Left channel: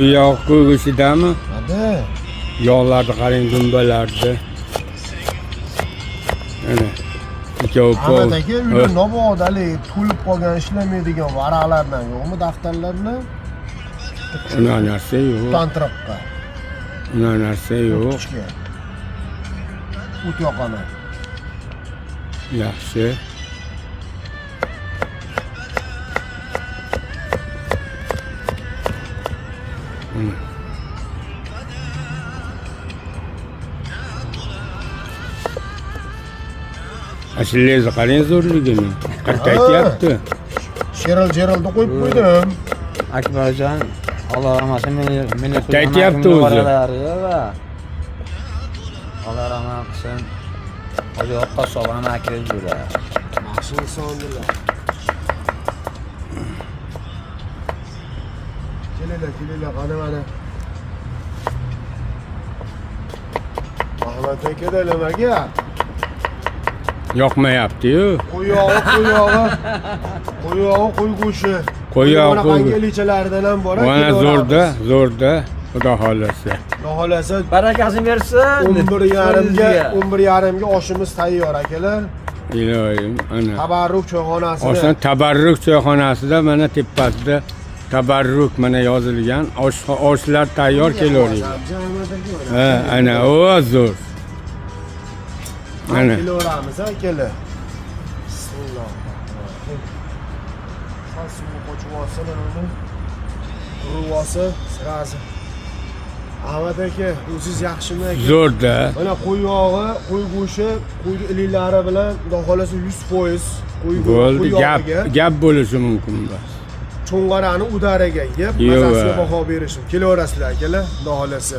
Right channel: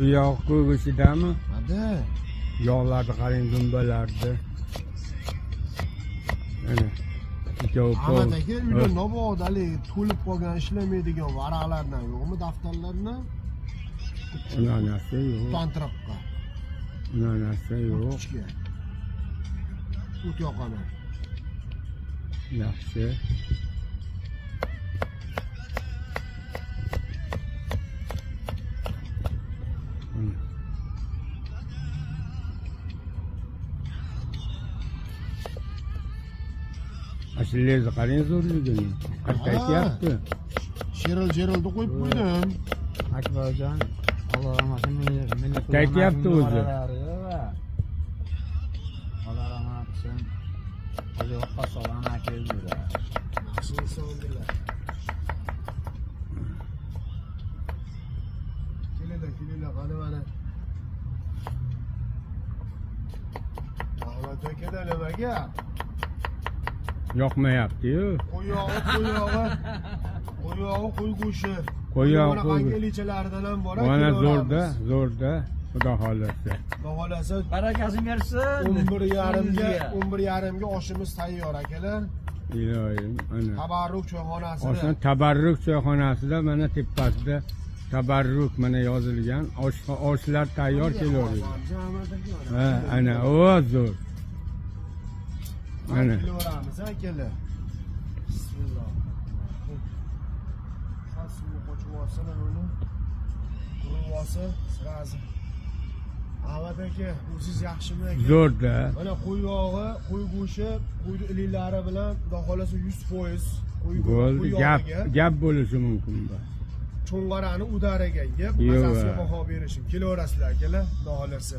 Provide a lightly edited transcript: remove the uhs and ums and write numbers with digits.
U yog' ko'g'ishidami? Hadi. Yog'larni qarang, dumbalarni. Ana. Ikkovi Ahmet aka uyda nobodali to'lib qolgan ishlamaydigan varaqlardan yo'qmi daftarlarni? Unaqa narsa yo'q. Tantiraqqa. Unaqa narsa yo'q. Kichkina. O't yoqaman. Yaxshi. Ashulazni qarang zo'rligini. Qaytyapti. Sheral-jeralni qo'yib qo'ydim. Akbarjon, Alloh rahmat meni Qaytyapti o'zi. Alloh rahmat qilsin. Hozir qassobani akirib yuradi. Yaxshi insondilar. Kelinglar, qani mana. Ahmet aka nimaga? Yoqmayapti-yu. Qo'yog'i, qo'y go'shi. Qo'yog'i, qo'y. Qangalichalaridan ham bor. Mana zo'rda, xudo xolasa. Xudo xolasa Barakasini bersin. 11:30ga oshimiz tayyor akalar. Iloyim, ana. Tabarruk choyxonasida. Oshdan tabarruk choyxonasida mana tepasida tabarruk mana yozilgan. Oshlar tayyor kelaveradi. Ha, ana o zo'r. Ana. Kelaveramiz akalar. Bismillahirrohmanirrohim. Sal suv qo'chib olsalar uni. Qurib olsa, sirazi. Ahmet aka, o'zingiz yaxshimi aka? Zo'rda. Mana qo'y yog'i, qo'y go'shi, qo'y iliklari bilan xudo xolasa 100% qo'y Bo'ldi, yog'iga, gap bo'lishi mumkin bas. cho'ng'arani udariga yeb, mazasiga baho berishim. Kelaverasizlar akalar, xudo xolasa.